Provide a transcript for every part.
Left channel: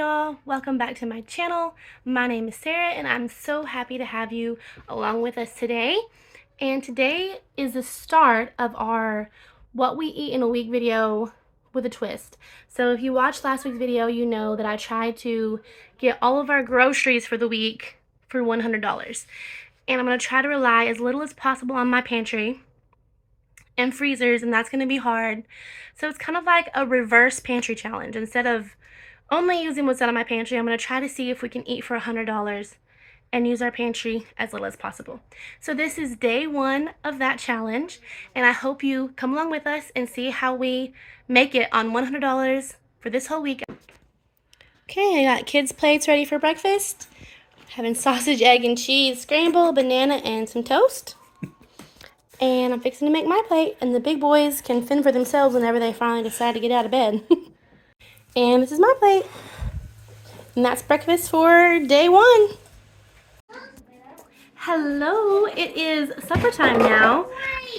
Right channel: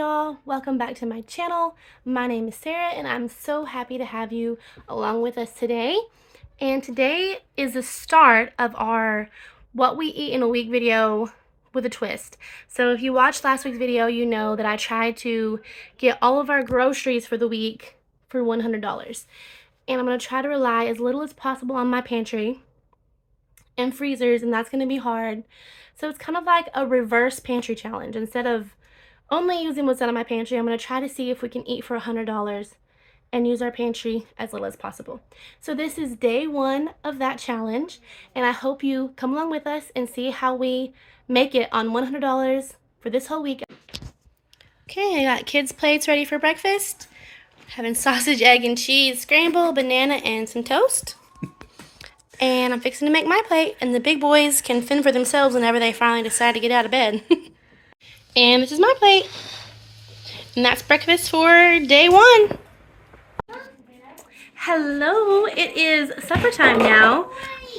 y'all. Welcome back to my channel. My name is Sarah and I'm so happy to have you along with us today. And today is the start of our what we eat in a week video with a twist. So if you watched last week's video, you know that I tried to get all of our groceries for the week for $100. And I'm going to try to rely as little as possible on my pantry and freezers, and that's going to be hard. So it's kind of like a reverse pantry challenge. Instead of only using what's out of my pantry, I'm going to try to see if we can eat for $100 and use our pantry as little as possible. So this is day one of that challenge, and I hope you come along with us and see how we make it on $100 for this whole week. Okay, I got kids' plates ready for breakfast. Having sausage, egg, and cheese scramble, banana, and some toast. And I'm fixing to make my plate, and the big boys can fend for themselves whenever they finally decide to get out of bed. And this is my plate. And that's breakfast for day one. Hello, it is supper time now.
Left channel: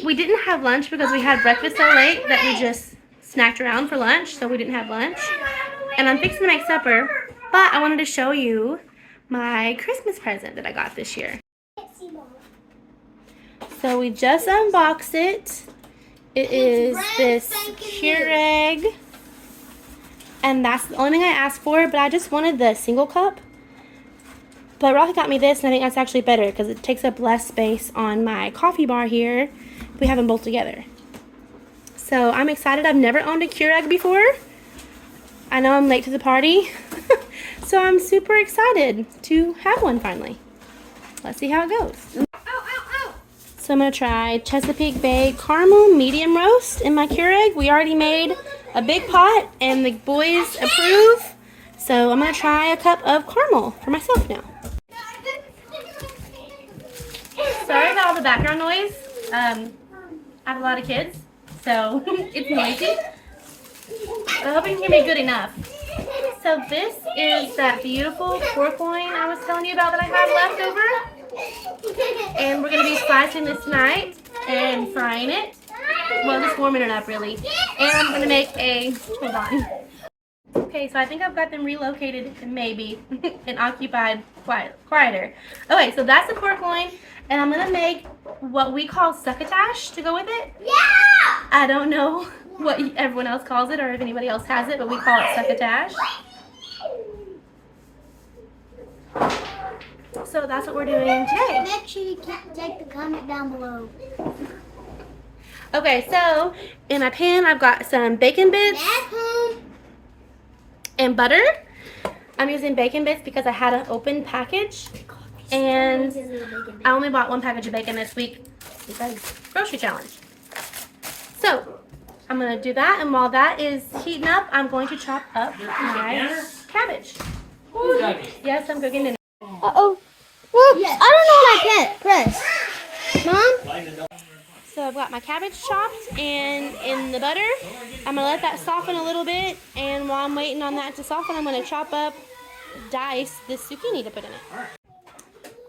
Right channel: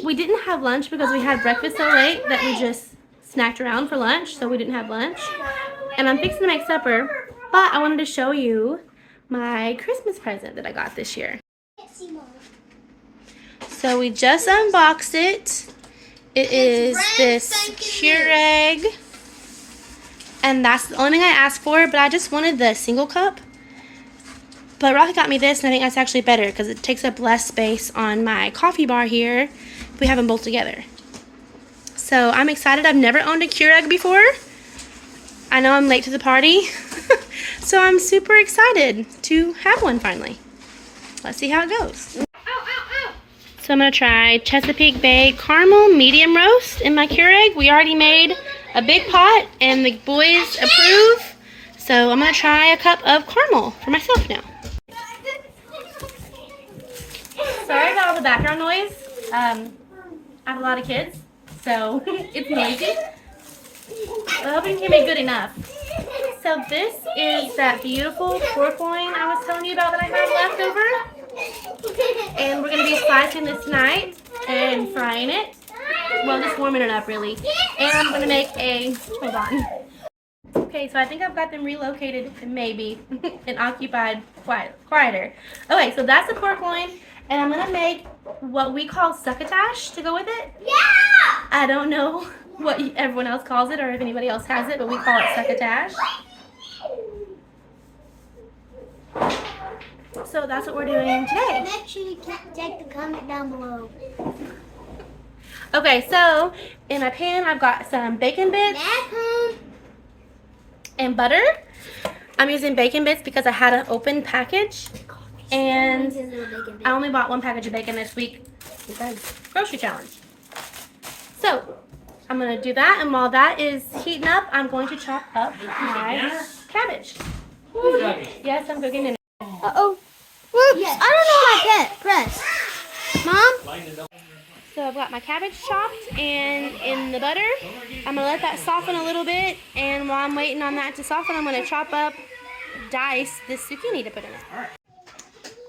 We didn't have lunch because we had breakfast so late that we just snacked around for lunch, so we didn't have lunch. And I'm fixing to make supper, but I wanted to show you my Christmas present that I got this year. So we just unboxed it. It is this Keurig. And that's the only thing I asked for, but I just wanted the single cup. But Rocky got me this, and I think that's actually better because it takes up less space on my coffee bar here if we have them both together. So I'm excited. I've never owned a Keurig before. I know I'm late to the party. So I'm super excited to have one finally. Let's see how it goes. So I'm going to try Chesapeake Bay Caramel Medium Roast in my Keurig. We already made a big pot and the boys approve. So I'm going to try a cup of caramel for myself now. Sorry about all the background noise. I have a lot of kids, so it's noisy. But I hope you can hear me good enough. So this is that beautiful pork loin I was telling you about that I have left over. And we're going to be slicing this tonight and frying it. Well, just warming it up really. And I'm going to make a, hold on. Okay, so I think I've got them relocated, maybe, and occupied quieter. Okay, so that's the pork loin, and I'm going to make what we call succotash to go with it. Yeah! I don't know what everyone else calls it or if anybody else has it, but we call it succotash. So that's what we're doing today. Make sure you check the comment down below. Okay, so in my pan, I've got some bacon bits and butter. I'm using bacon bits because I had an open package, and I only bought one package of bacon this week because grocery challenge. So I'm going to do that, and while that is heating up, I'm going to chop up my cabbage. Yes, I'm cooking dinner. Uh-oh. Whoops. Yes. I don't know my press. Mom? So I've got my cabbage chopped and in the butter. I'm going to let that soften a little bit, and while I'm waiting on that to soften, I'm going to chop up, dice this zucchini to put in it.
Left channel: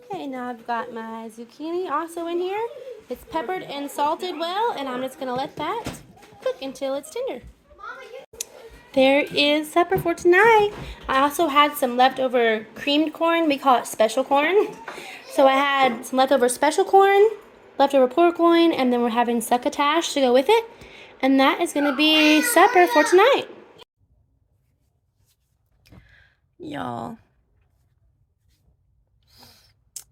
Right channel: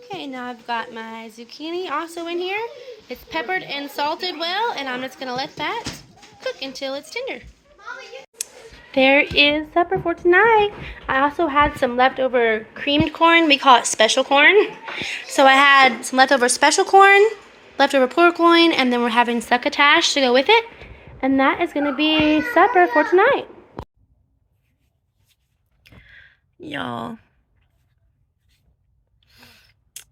Okay, now I've got my zucchini also in here. It's peppered and salted well, and I'm just going to let that cook until it's tender. There is supper for tonight. I also had some leftover creamed corn. We call it special corn. So I had some leftover special corn, leftover pork loin, and then we're having succotash to go with it. And that is going to be supper for tonight. Y'all,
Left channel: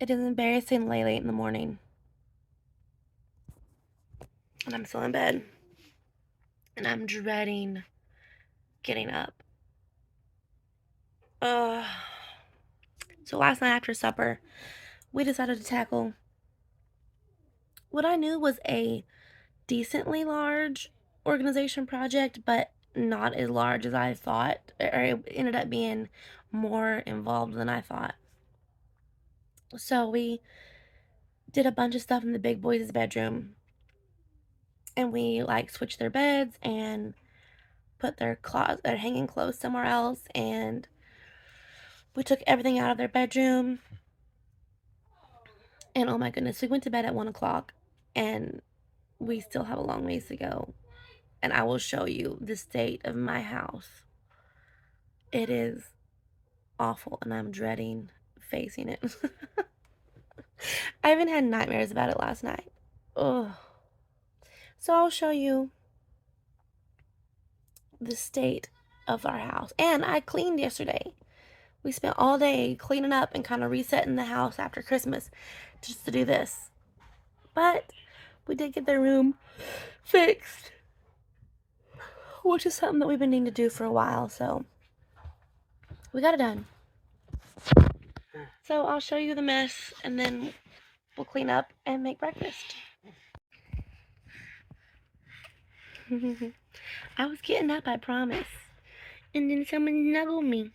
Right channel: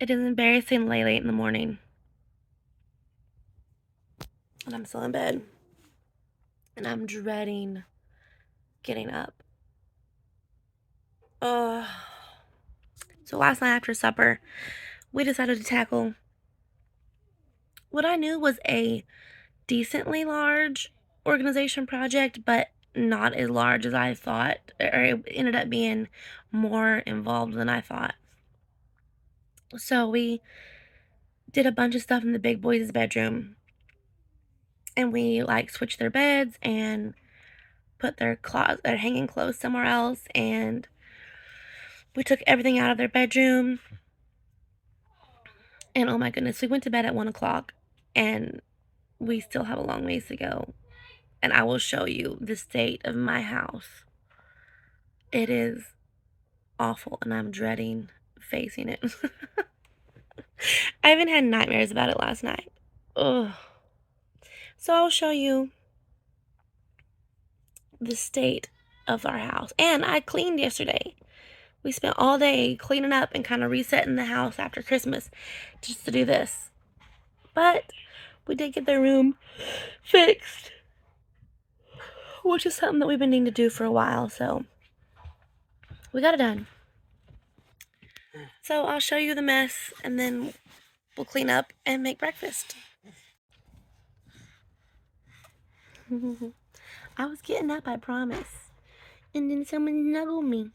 it is embarrassingly late in the morning. And I'm still in bed. And I'm dreading getting up. So last night after supper, we decided to tackle what I knew was a decently large organization project, but not as large as I thought, or it ended up being more involved than I thought. So we did a bunch of stuff in the big boys' bedroom, and we like switched their beds and put their hanging clothes somewhere else, and we took everything out of their bedroom. And oh my goodness, we went to bed at 1 o'clock, and we still have a long ways to go. And I will show you the state of my house. It is awful, and I'm dreading facing it. I even had nightmares about it last night. Ugh. So I'll show you the state of our house. And I cleaned yesterday. We spent all day cleaning up and kind of resetting the house after Christmas just to do this. But we did get the room fixed, which is something that we've been needing to do for a while, so we got it done. So I'll show you the mess, and then we'll clean up and make breakfast. I was getting up, I promise. And then someone snuggled me.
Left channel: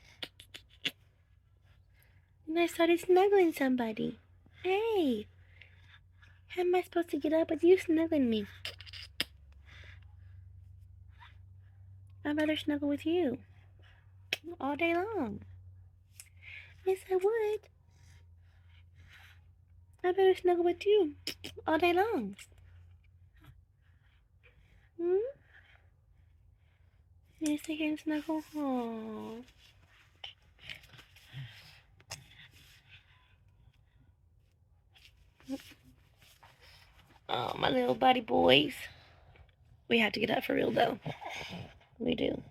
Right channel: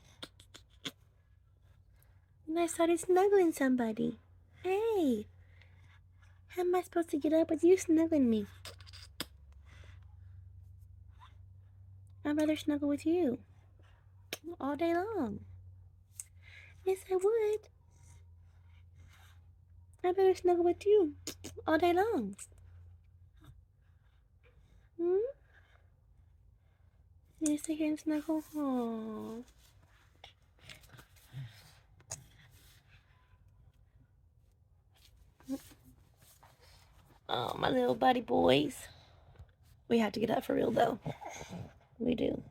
And I started snuggling somebody. Hey, how am I supposed to get up with you snuggling me? I'd rather snuggle with you all day long. Yes, I would. I'd rather snuggle with you all day long. Hmm? You sit here and snuggle? Aww. Oh, my little buddy boys. We have to get up for real, though. We do.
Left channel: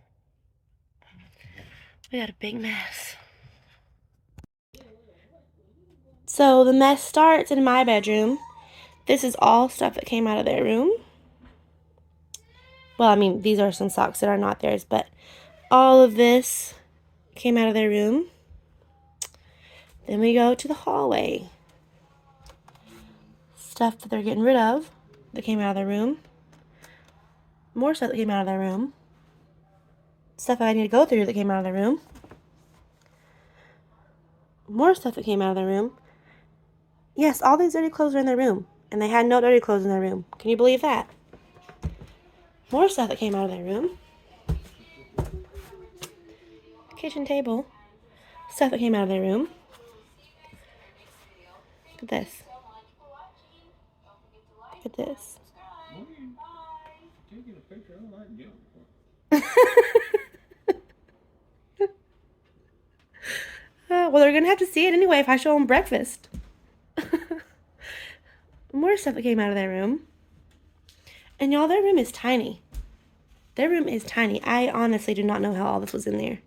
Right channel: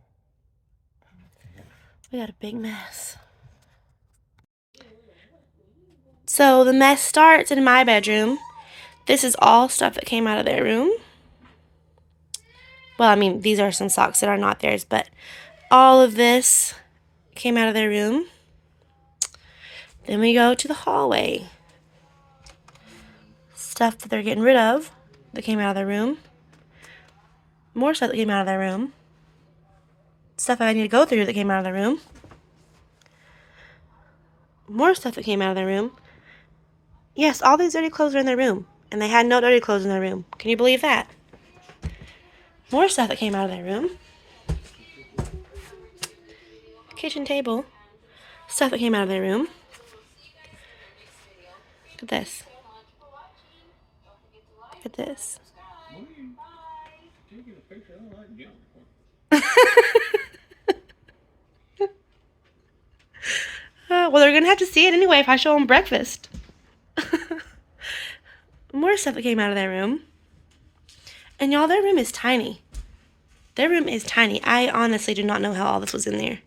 We got a big mess. So the mess starts in my bedroom. This is all stuff that came out of their room. Well, I mean, these are some socks that are not theirs, but all of this came out of their room. Then we go to the hallway. Stuff that they're getting rid of that came out of their room. More stuff that came out of their room. Stuff that I need to go through that came out of their room. More stuff that came out of their room. Yes, all these dirty clothes are in their room. And they had no dirty clothes in their room. Can you believe that? More stuff that came out of their room. Kitchen table. Stuff that came out of their room. Look at this. Look at this. Well, they're going to have to see it anyway if I show them breakfast. More stuff that came out of their room. And y'all, their room is tiny. Their room is tiny. I honestly do not know how all this was in there.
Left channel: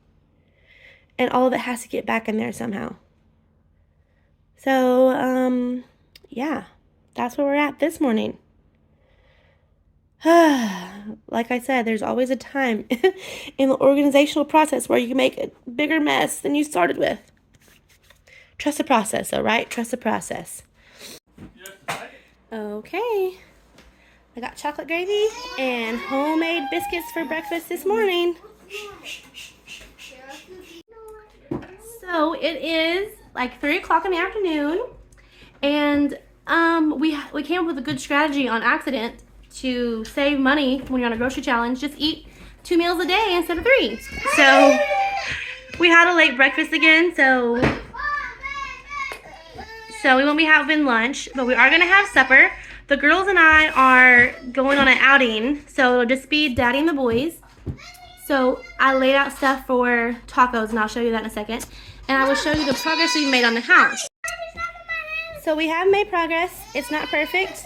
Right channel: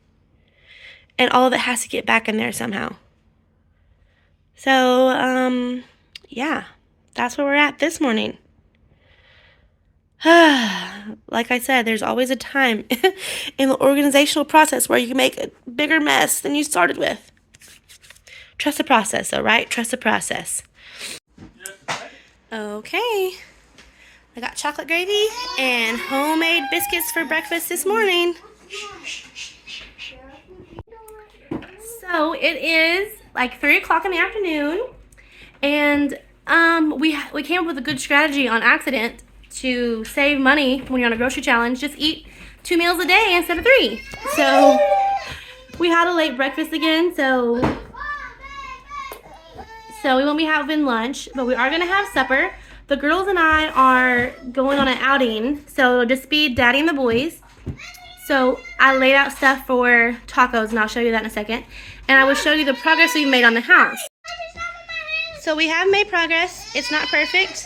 And all of it has to get back in there somehow. So, yeah. That's where we're at this morning. Like I said, there's always a time in the organizational process where you can make a bigger mess than you started with. Trust the process, though, right? Trust the process. Okay. I got chocolate gravy and homemade biscuits for breakfast this morning. So it is like 3 o'clock in the afternoon, and we came up with a good strategy on accident to save money when you're on a grocery challenge. Just eat 2 meals a day instead of 3. So we had a late breakfast again, so we won't be having lunch, but we are gonna have supper. The girls and I are going on an outing, so it'll just be Daddy and the boys. So I laid out stuff for tacos, and I'll show you that in a second. And I will show you the progress we've made on the house. So we have made progress. It's not perfect.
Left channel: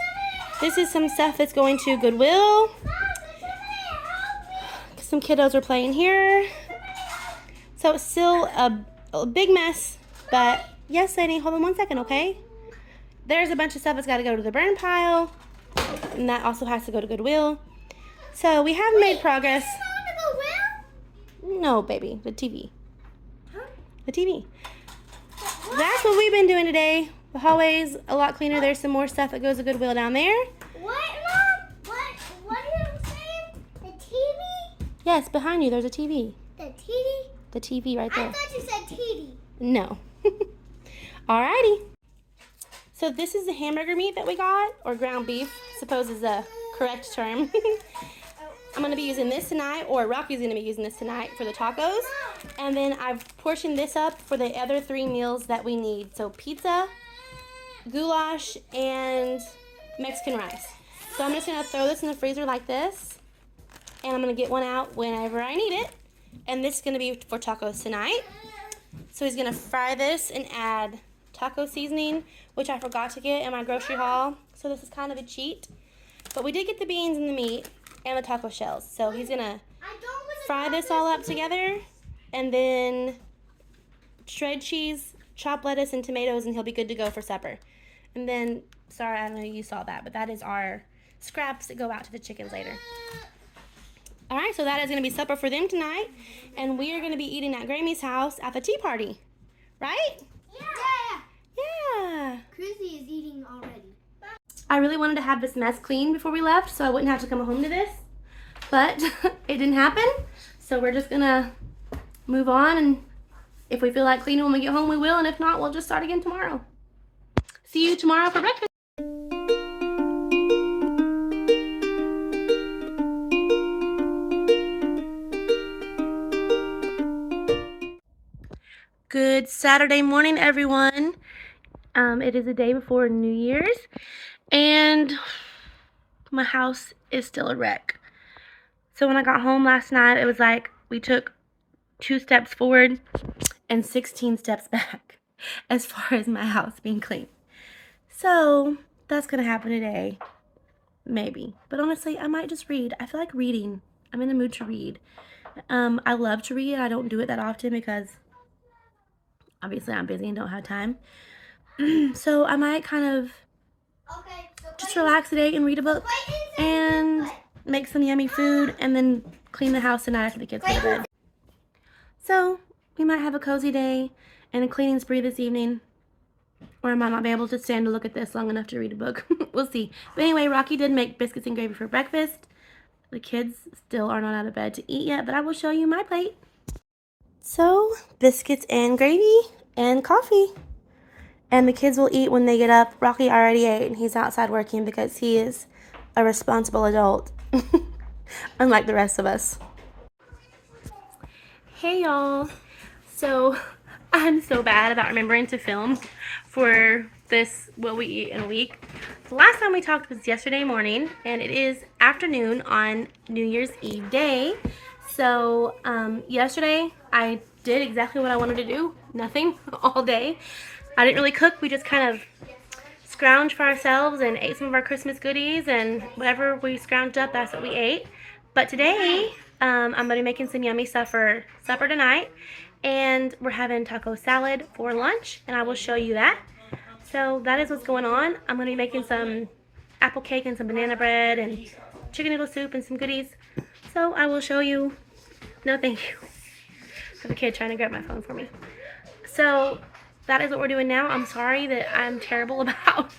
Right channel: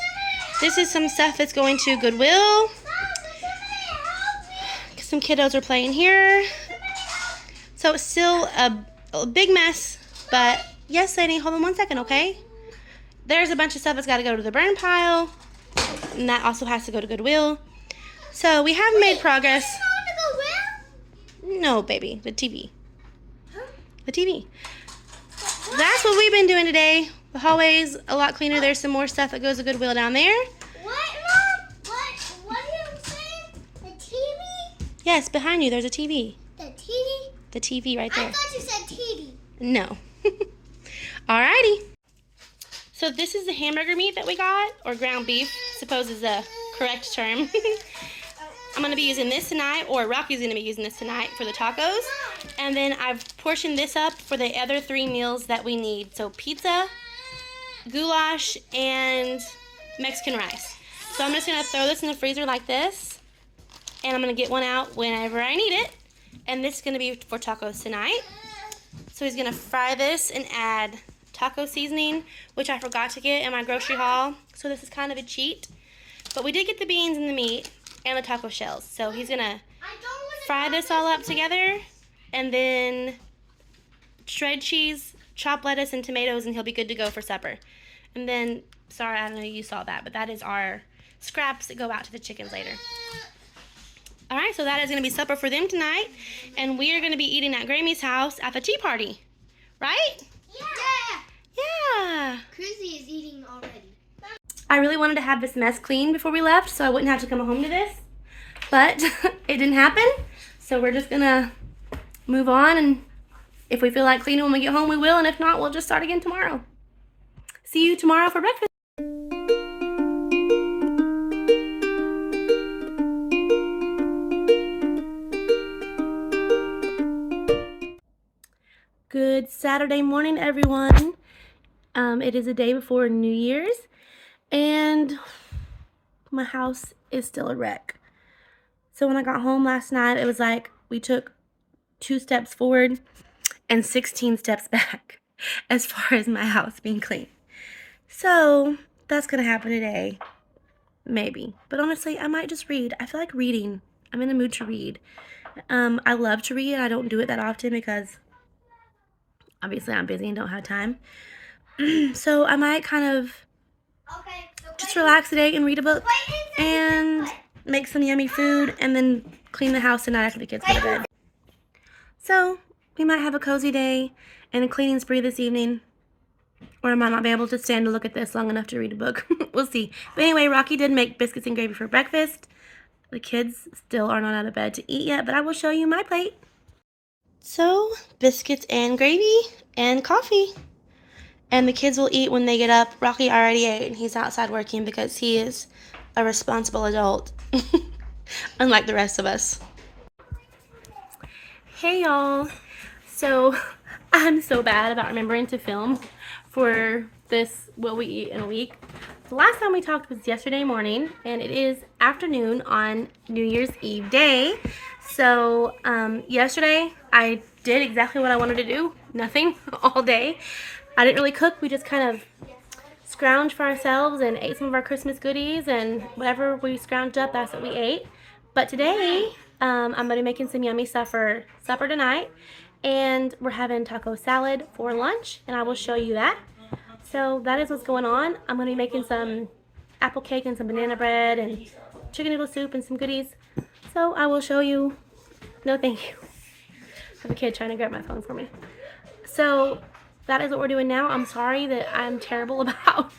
This is some stuff that's going to Goodwill. Some kiddos are playing here. So it's still a big mess, but yes, Sadie, hold on 1 second, okay? There's a bunch of stuff that's got to go to the burn pile, and that also has to go to Goodwill. So we have made progress. No, baby, the TV. The TV. That's what we've been doing today. The hallway's a lot cleaner. There's some more stuff that goes to Goodwill down there. What, Mom? What are you saying? The TV? Yes, behind you, there's a TV. The TV? The TV right there. I thought you said TV. No. Alrighty. So this is the hamburger meat that we got, or ground beef, I suppose is the correct term. I'm going to be using this tonight, or Rocky's going to be using this tonight for the tacos. And then I've portioned this up for the other 3 meals that we need. So pizza, goulash, and Mexican rice. So I'm just going to throw this in the freezer like this. And I'm going to get one out whenever I need it. And this is going to be for tacos tonight. So he's gonna fry this and add taco seasoning, which I forgot to get in my grocery haul. So this is kind of a cheat. But we did get the beans and the meat and the taco shells. So he's gonna fry this all up together and then shred cheese, chop lettuce and tomatoes, and he'll be good to go for supper. And then, sorry, I don't know if you saw that, but that is our scraps that go out to the chickens later. All right, so that is going to be supper for them tonight, and we are going to be eating at Grammy's house at the tea party, right? Yeah. Yeah. Chrissy is eating already. I really wanted to have this mess clean before we left so I wouldn't have to come home to this, but it didn't happen, so we're just going to move on, and if we feel like cleaning when we get home, we will, and if not, we'll just start again tomorrow. See you tomorrow for breakfast. Good Saturday morning, everyone. It is the day before New Year's, and my house is still a wreck. So when I got home last night, it was like we took 2 steps forward and 16 steps back as far as my house being clean. So that's gonna happen today, maybe. But honestly, I might just read. I feel like reading. I'm in the mood to read. I love to read. I don't do it that often because obviously I'm busy and don't have time. So I might kind of just relax today and read a book and make some yummy food and then clean the house tonight after the kids go to bed. So we might have a cozy day and a cleaning spree this evening. Or I might not be able to stand to look at this long enough to read a book. We'll see. But anyway, Rocky did make biscuits and gravy for breakfast. The kids still are not out of bed to eat yet, but I will show you my plate. So, biscuits and gravy and coffee. And the kids will eat when they get up. Rocky already ate, and he's outside working because he is a responsible adult. Unlike the rest of us. Hey, y'all. So, I'm so bad about remembering to film for this What We Eat in a Week. The last time we talked was yesterday morning, and it is afternoon on New Year's Eve day. So yesterday I did exactly what I wanted to do, nothing all day. I didn't really cook. We just kind of scrounged for ourselves and ate some of our Christmas goodies, and whatever we scrounged up, that's what we ate. But today I'm going to be making some yummy stuff for supper tonight. And we're having taco salad for lunch, and I will show you that. So that is what's going on. I'm going to be making some apple cake and some banana bread and chicken noodle soup and some goodies. So I will show you. No, thank you. I have a kid trying to grab my phone for me. So that is what we're doing now. I'm sorry that I'm terrible about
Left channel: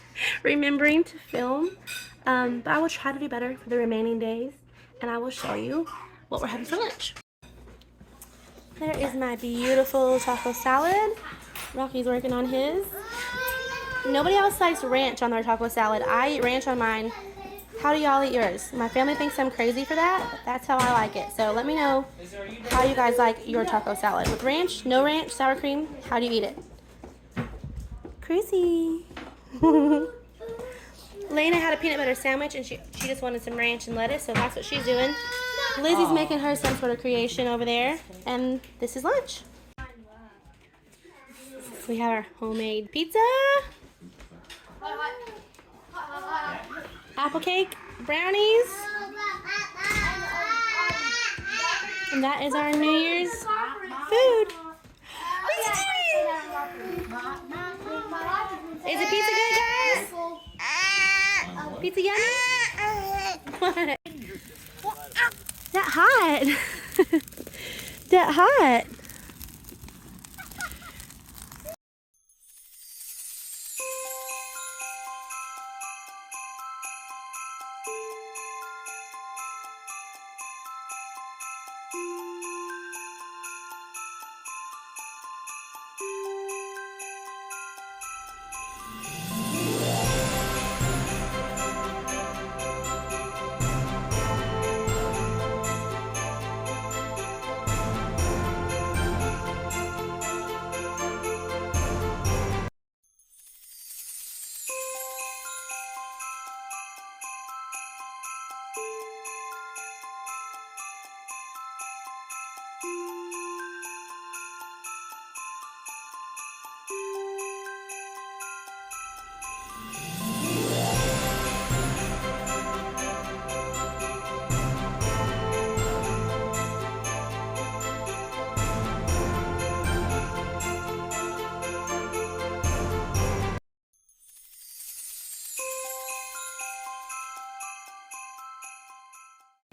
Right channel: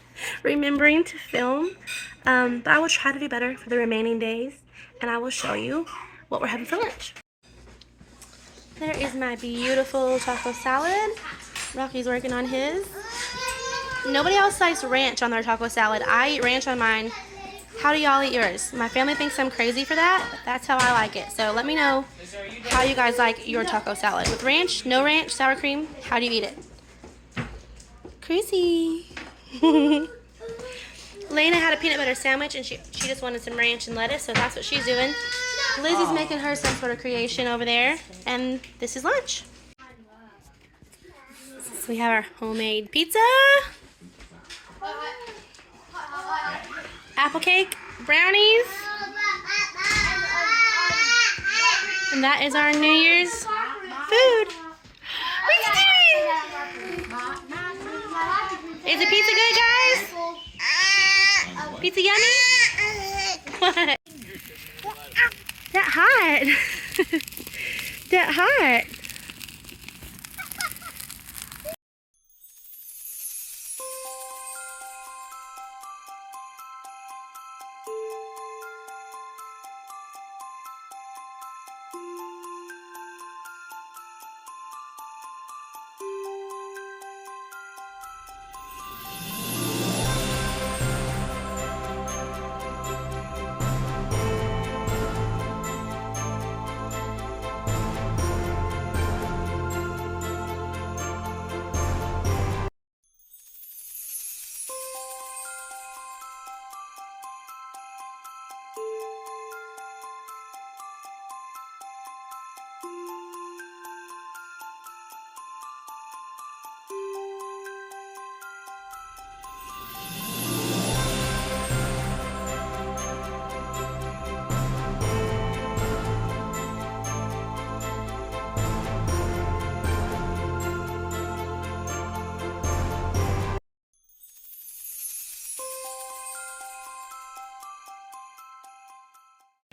remembering to film. But I will try to do better for the remaining days, and I will show you what we're having for lunch. There is my beautiful taco salad. Rocky's working on his. Nobody else likes ranch on their taco salad. I eat ranch on mine. How do y'all eat yours? My family thinks I'm crazy for that, but that's how I like it. So let me know how you guys like your taco salad. With ranch, no ranch, sour cream, how do you eat it? Crazy. Lena had a peanut butter sandwich, and she just wanted some ranch and lettuce, so that's what she's doing. Lizzie's making her some sort of creation over there, and this is lunch. So we have our homemade pizza, apple cake, brownies, and that is our New Year's food. What's it doing? Is the pizza good, guys? Pizza yummy? What? That hot. That hot.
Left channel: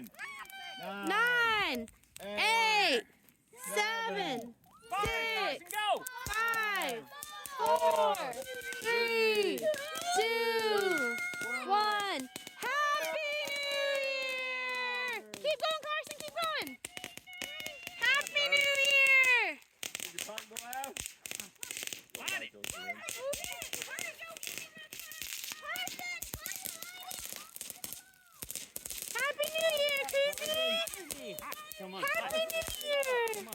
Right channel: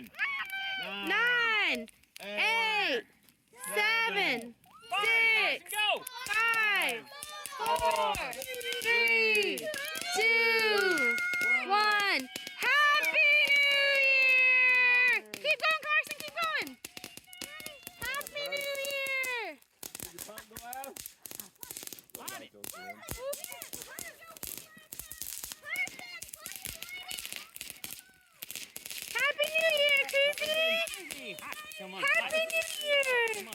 9, 8, 7, 6, 5, 4, 3, 2, 1. Happy New Year! Keep going, Carson, keep going. Happy New Year! Happy New Year, Chrissy! Happy New Year!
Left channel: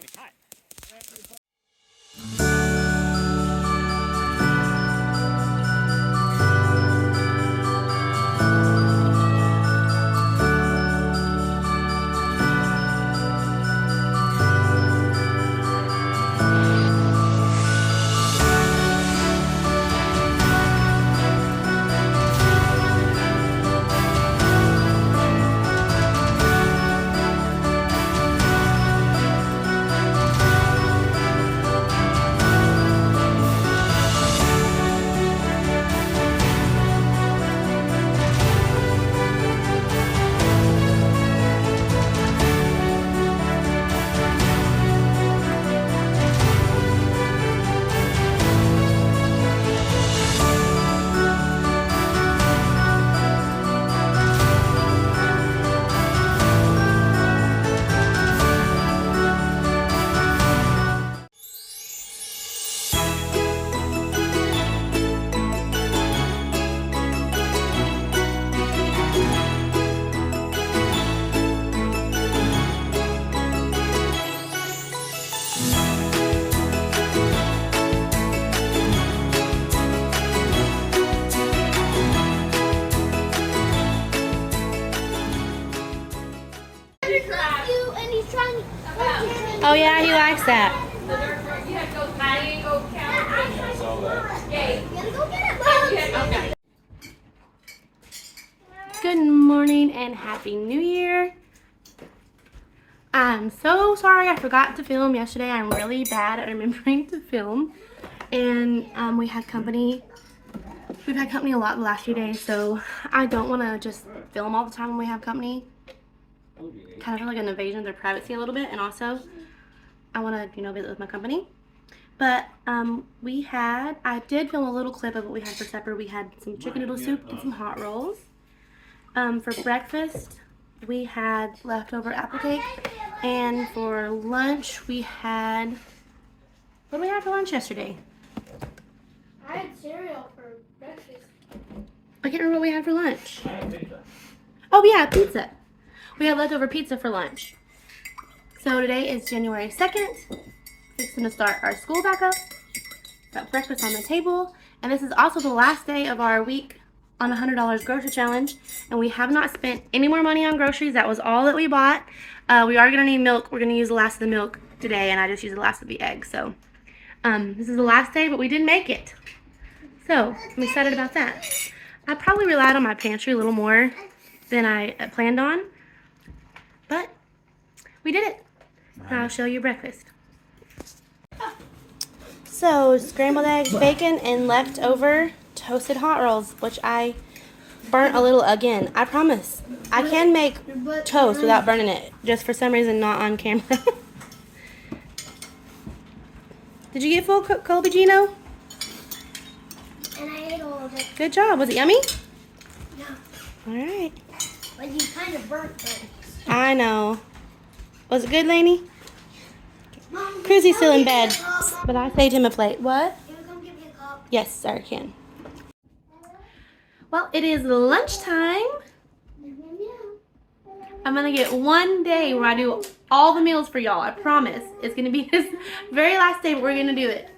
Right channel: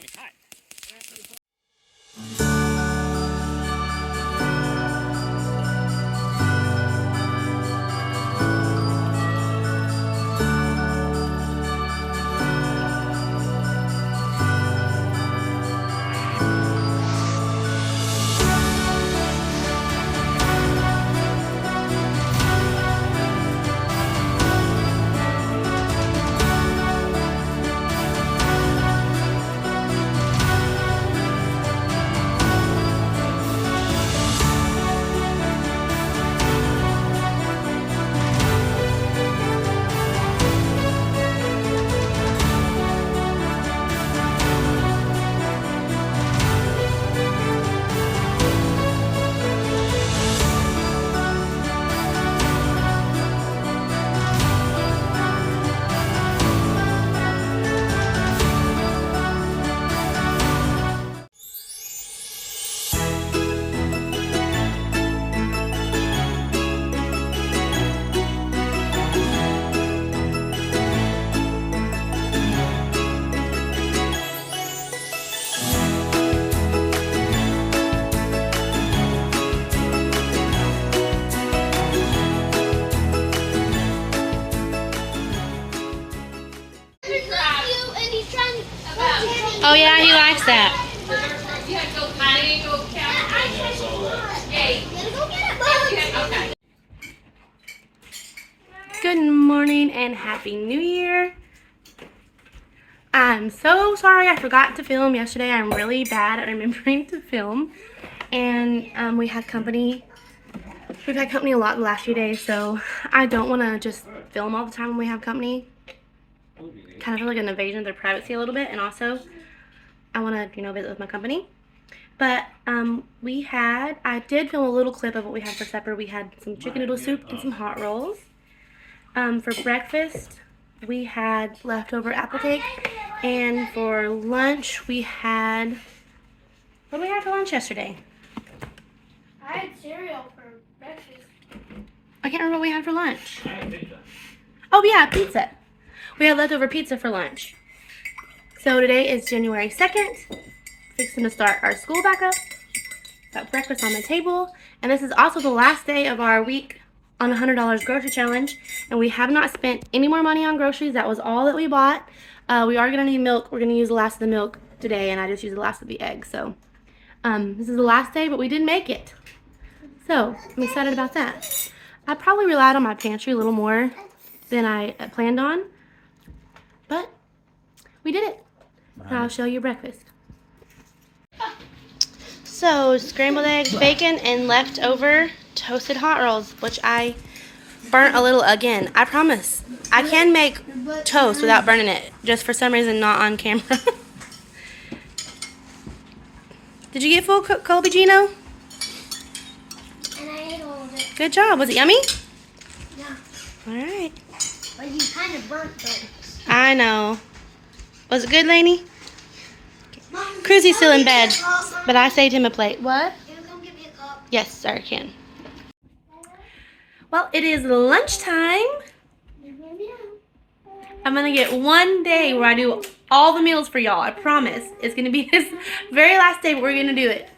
Oh yeah, he likes that. Good morning and Happy New Year. I'm so sorry I forgot to film yesterday. I'm really bad at remembering to film. And we had company. We've had company a lot the last few days, so I don't want to just film all the time when we have company. Kind of feel like an invasion of their privacy a little bit, and also I want to, visit with my company. But I did film a little clip of what we had for supper. We had some chicken noodle soup and some hot rolls. For breakfast, we had leftover apple cake. And for lunch, we had, what did we have for lunch yesterday? I had cereal for breakfast. I can't remember what we had for lunch. Oh yeah, pizza. We had leftover pizza for lunch. So today is January 2nd. Fixing to start our school back up. Got breakfast on the table. And this is also the last day of our week on the $100 grocery challenge. And we have not spent any more money on groceries. That was all that we bought. We are going to need milk. We're going to use the last of the milk today. And I just used the last of the eggs. So this is the last day, but we did make it. So I'm excited about that. I probably relied on my pantry a little more than I planned on. But we did it. And I'll show you breakfast. So, scrambled eggs, bacon, and leftover toasted hot rolls, which I burnt a little again. I promise. I can make toast without burning it. Just for some reason not on camera. Did you get full Colby, Gino? And I ate all of it. Good job. Was it yummy? No. Alright. But you kind of burnt things. I know. Was it good, Lainey? Cruzy's still in bed, but I saved him a plate. What? Can you come get me a cup? Yes, sir, I can. Well, it is lunchtime. I'm going to get one day where I do all the meals for y'all. I promise. It's going to be this very last day, but we're going to do it.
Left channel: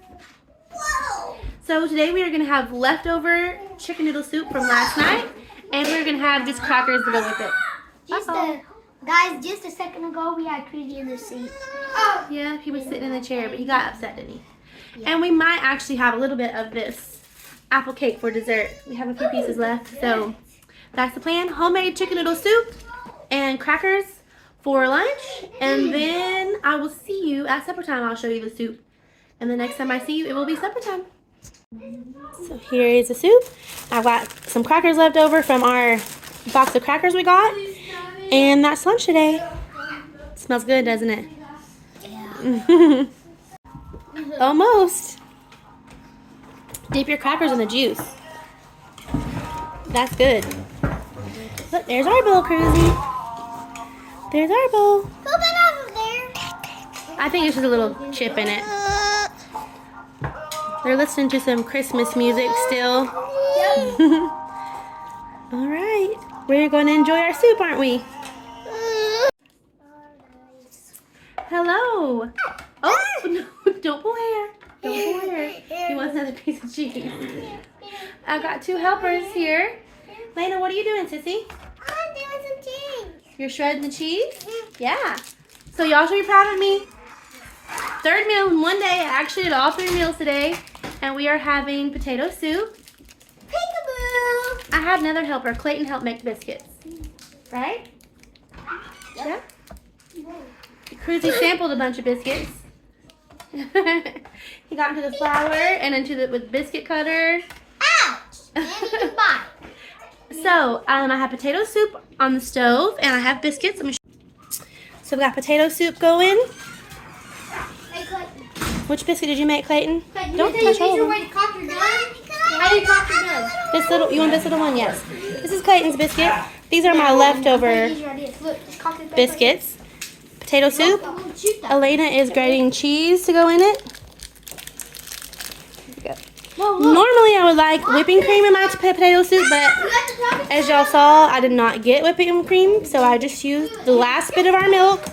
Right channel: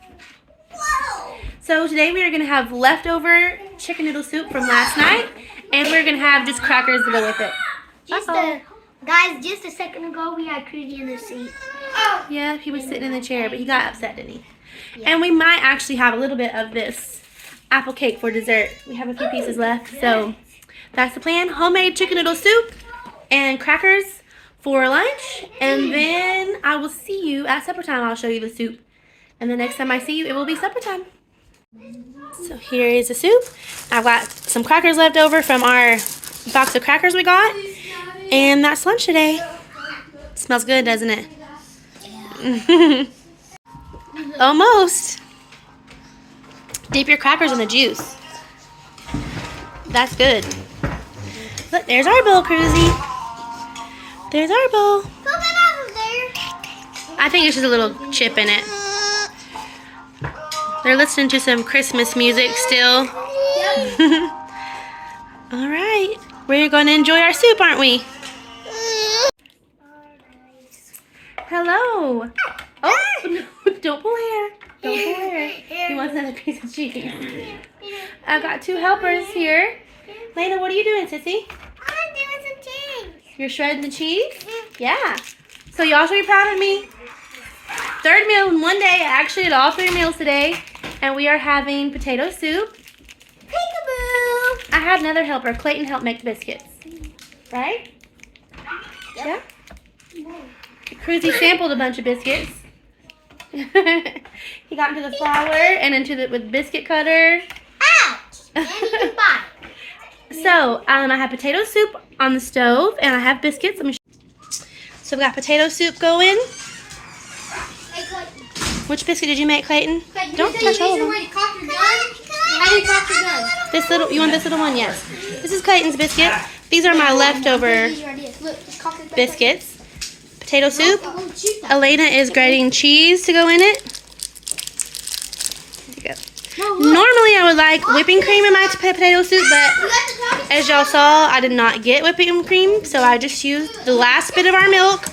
Whoa! So today we are going to have leftover chicken noodle soup from last night, and we're going to have just crackers to go with it. Guys, just a second ago we had Cruzy in the seat. Oh. Yeah, he was sitting in the chair, but he got upset, didn't he? Yeah. And we might actually have a little bit of this apple cake for dessert. We have a few pieces left, so that's the plan. Homemade chicken noodle soup and crackers for lunch, and then I will see you at supper time. I'll show you the soup, and the next time I see you, it will be supper time. So here is the soup. I've got some crackers left over from our box of crackers we got. And that's lunch today. Smells good, doesn't it? Yeah. Almost. Dip your crackers in the juice. That's good. Look, there's our bowl, Cruzy. There's our bowl. I think it's just a little chip in it. They're listening to some Christmas music still. All right. We're going to enjoy our soup, aren't we? Hello. Oh, no, don't pull hair. Don't pull hair. He wants another piece of cheese. I've got 2 helpers here. Lena, what are you doing, sissy? I'm doing some cheese. You're shredding the cheese? Yeah. So y'all should be proud of me. 3rd meal in one day. I actually did all 3 meals today. And we are having potato soup. Peekaboo. I had another helper. Clayton helped make the biscuits. Right? Yep. Yeah. Cruzy sampled a bunch of biscuits. He got into the flour and into the with biscuit cutter. Ouch. And you can buy. So, I have potato soup on the stove, and I have biscuits. So, we got potato soup going. Hey, Clayton. Which biscuit did you make, Clayton? Don't touch all of them. How do you cock your gun? This little, you want this little one? Yes. This is Clayton's biscuit. These are my leftover biscuits. Potato soup. Elena is grating cheese to go in it. There you go. Normally, I would like whipping cream in my potato soup, but as y'all saw, I did not get whipping cream, so I just used the last bit of our milk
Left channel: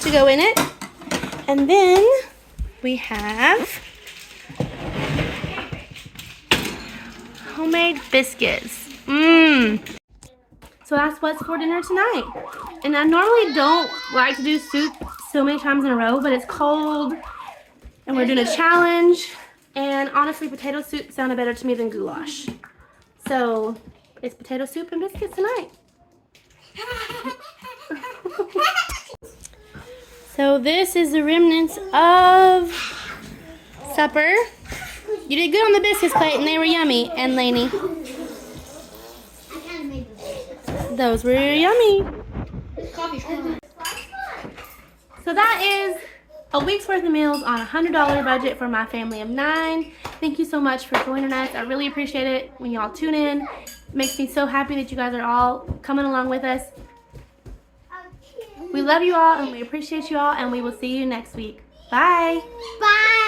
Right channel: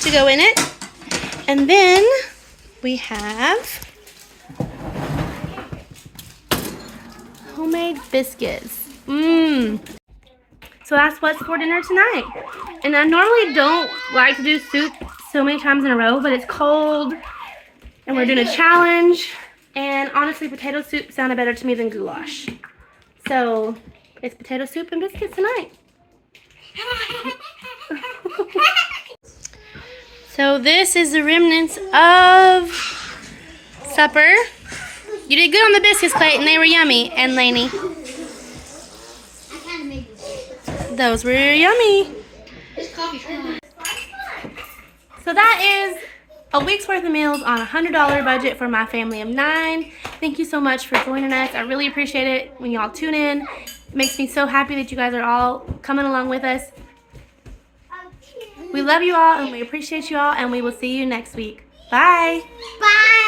to go in it. And then we have homemade biscuits. So that's what's for dinner tonight. And I normally don't like to do soup so many times in a row, but it's cold and we're doing a challenge. And honestly, potato soup sounded better to me than goulash. So it's potato soup and biscuits tonight. So this is the remnants of supper. You did good on the biscuits, Clayton. They were yummy. And Lainey. Those were yummy. So that is a week's worth of meals on a $100 budget for my family of 9. Thank you so much for joining us. I really appreciate it when y'all tune in. It makes me so happy that you guys are all coming along with us. We love you all and we appreciate you all, and we will see you next week. Bye. Bye.